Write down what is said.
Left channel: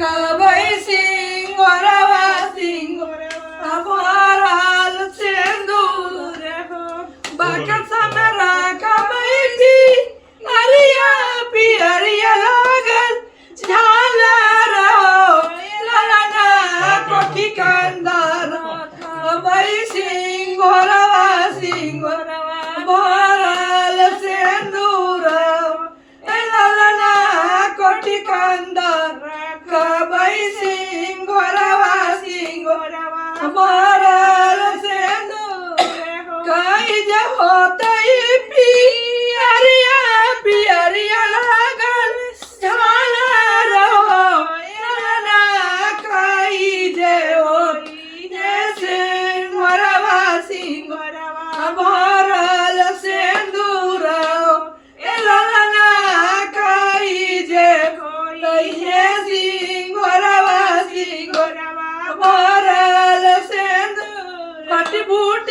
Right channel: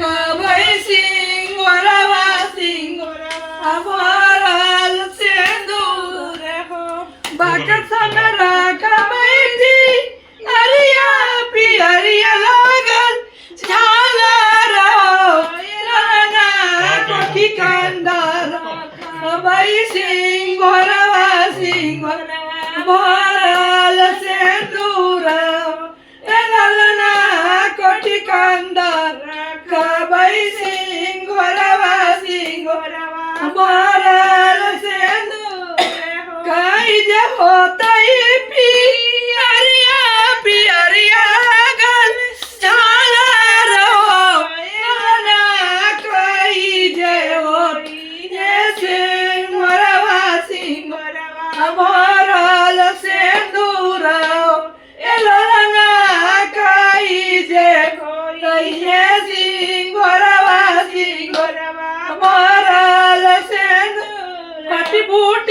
कवई सिंगोरवा सिंगोरवा भरल सिंदूर हो बक्स में रखबै थी हरिया पियरिया लागल झालर हो लाना कोठी कंदर कवई सिंगोरवा सिंगोरवा भरल सिंदूर लाना कोठी कंदर कवई सिंगोरवा सिंगोरवा भरल सिंदूर कई जे होतई पियरिया पियरिया लागल झालर हो लाना कई जे होतई सिंगोरवा सिंगोरवा भरल सिंदूर लाना कई जे होतई सिंगोरवा सिंगोरवा भरल सिंदूर कटी बूट